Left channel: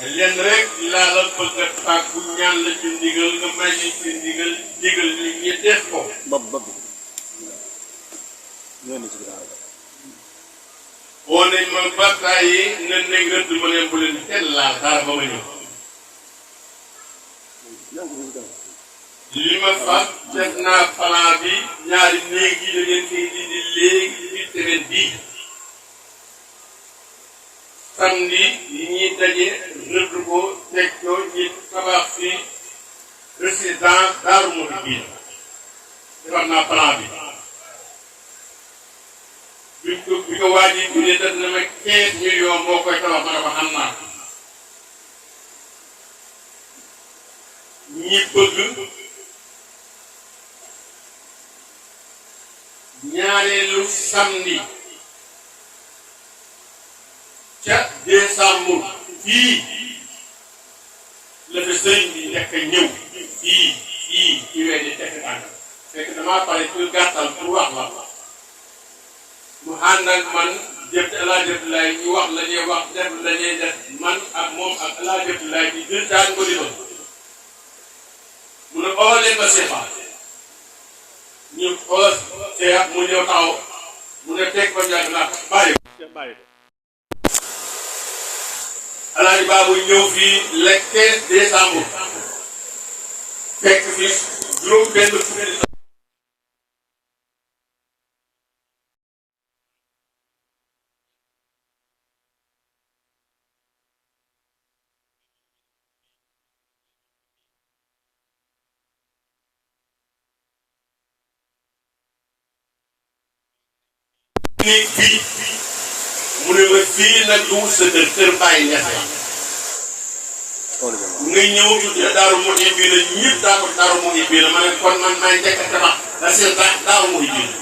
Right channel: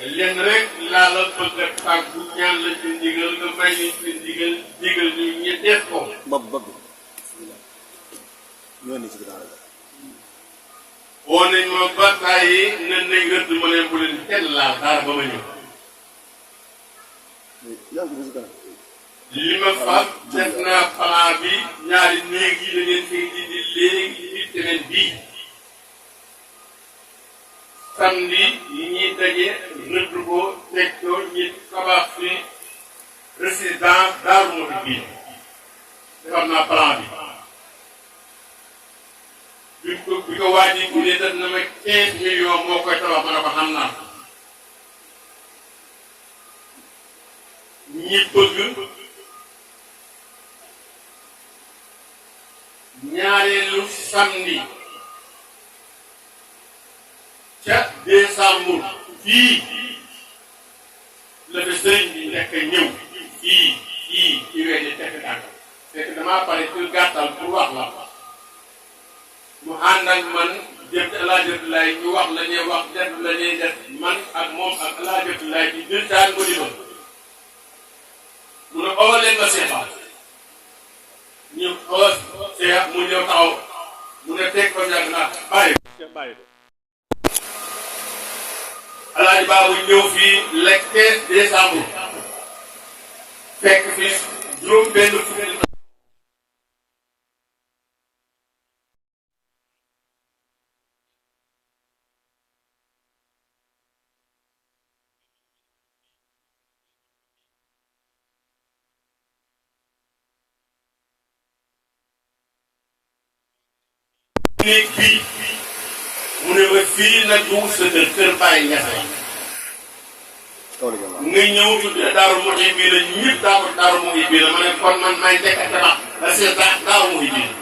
lenn rek laa la bëgg a tàggu ñaan la ci ndigal nga may ñu ci ndigal digal ñu ñi def ko. bëgg ñoo ni ci ginnaaw rek. woo nañ ma bàkkaar yi nga nekk rëdd ma leen bu leen kenn laal dara ba ma ñëw. li ma fas def naa plan bi ñaari néeg yi da ngeen koy dindi léegi ci semaine bii. samedi yi ñuy daje rëdd ko teg ko ñi tabax fi résidence Daaru Muxti bii defar naa plan bi. bi ko waaj yi bu dee def na ma 15 millions moo koy tabax ma ne ko xam naa ñi bëgg ñaareelu samedi ca décembre fii la fi sëriñ bi nekk ñëw fii ci weeni tekk tànk fekk damaa pare ci gàttal pour wax la mu ànd ak man jëf laa jëf lay ñu wax la ñuy wax def la ñuy def man ak moom ak laa jëf lay ci jël daan ko di ba mu ne oo leen ma seexal ñu oo seex mu ñëw taxaw mu ne teg ba njàng naa bàyyi ko alaaji baabu ñëw fii le 15 décembre fekk fi juróom benn fukki néeg fii mu ne ma fii nag du sa kër bàyyi ñaxe nga ñëw Daaru Muxti bii la ñëpp Daaru Muxti bii la ma ne kon man may njëkk a tabax da seen Daaru Muxti bii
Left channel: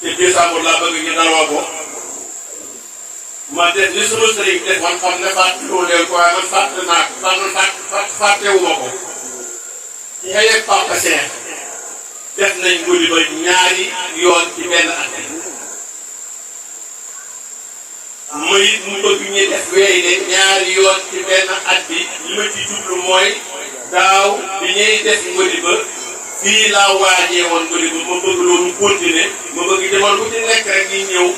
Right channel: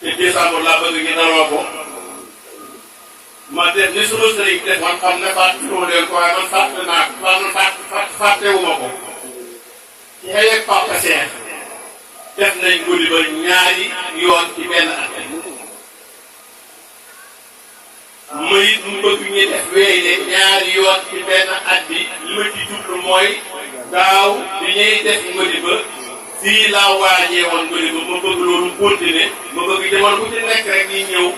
te décembre laa bëgg ñu daroo ko ma def ni sama sëriñ def man xam ne fàttewuma leen ko waaye man fàtte naa man fàttewuma ko ci xëy ak Papa Cheikh def nañ guddi ba ñaari yoon ci benn at mayit mu bëgg ñu def weyle ñaari yoon ci benn at bi li ma ci jublu mooy daaw bi ñuy def ngodi ba fii laa waajee woon ngodi ba ma bëgg loolu continuer ma bëgg jamono bu ci nekk rek ñi ñëw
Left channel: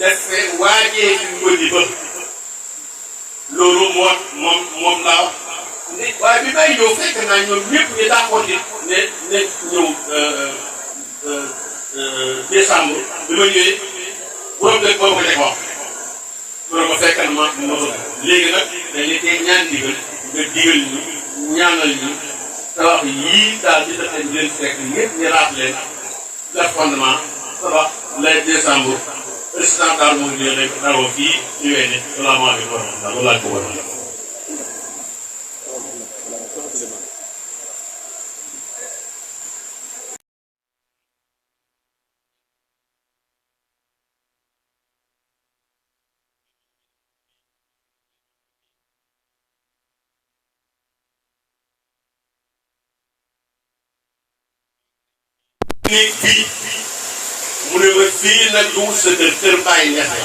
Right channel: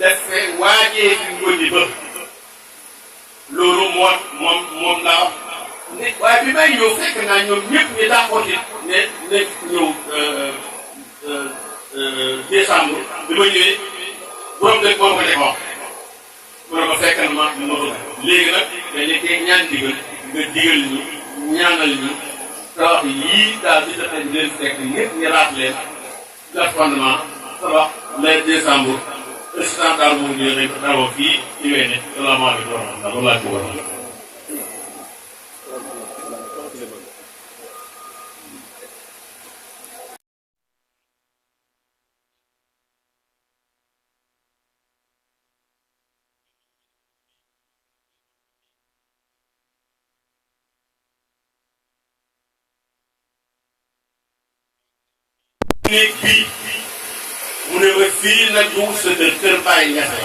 def waajee fi ngodi ba loolu moom laa wax waaye bi may ñëw fekk naa ñoom ñëpp ñu d'accord ne ñëw décembre bi ma ñëwee borom dëkk boobu ko def wax mu ne ko fekkal ma bëgg léegi nag dañu koy ñaan digal nga digal ñu ñaanal ñu tabax yii daal di tax ñu leen fekk ñëpp ñu raat leen def fondement tabax le décembre président daal mu ngi leen daroo fii ci wene salaamaaleykum wa rahmatulah wallaahi ko war néeg fii mu ne ma fii nag du sa kër bàyyi ñaxe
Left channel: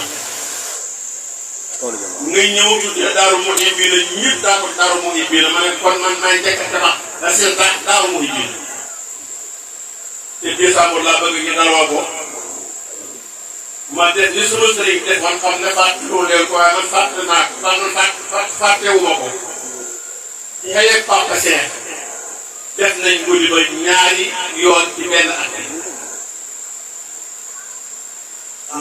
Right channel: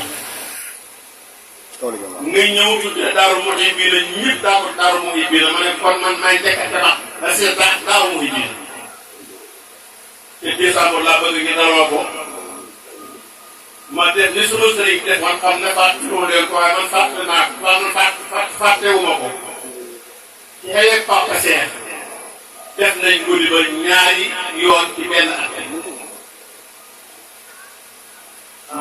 nga ñëw Daaru Muxti bii la ñëpp Daaru Muxti bii la ma ne kon man may njëkk a tabax da seen Daaru Muxti bii te décembre laa bëgg ñu daroo ko ma def ni sama sëriñ def man xam ne fàttewuma leen ko waaye man fàttewuma ko ci xëy ak Papa Cheikh def nañ guddi ba ñaari yoon ci benn at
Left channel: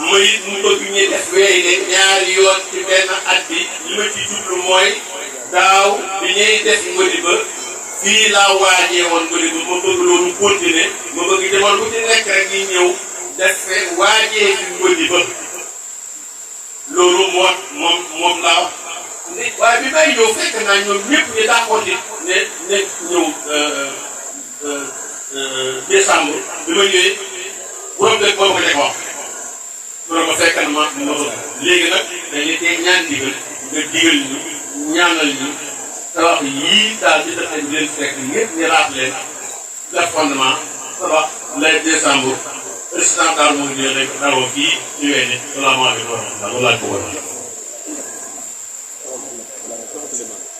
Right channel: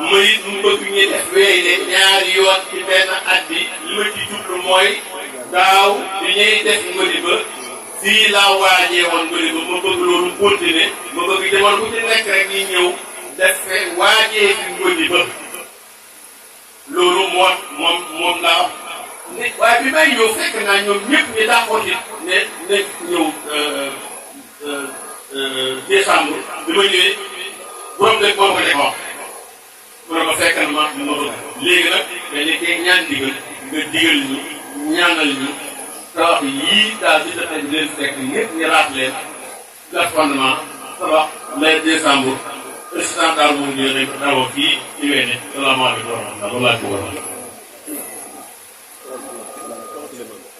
mayit mu bëgg ñu def weyle ñaari yoon ci benn at bi li ma ci jublu mooy daaw bi ñuy def ngodi ba fii laa waajee woon ngodi ba ma bëgg loolu continuer ma bëgg jamono bu ci nekk rek ñi ñëw def waajee fi ngodi ba loolu moom laa wax waaye bi may ñëw fekk naa ñoom ñëpp ñu d'accord ne ñëw décembre bi ma ñëwee borom dëkk boobu ko def wax mu ne ko fekkal ma bëgg léegi nag dañu koy ñaan digal nga digal ñu ñaanal ñu tabax yii daal di tax ñu leen fekk ñëpp ñu raat leen def fondement tabax le décembre président daal mu ngi leen daroo fii ci wene salaamaaleykum wa rahmatulah wallaahi ko war liman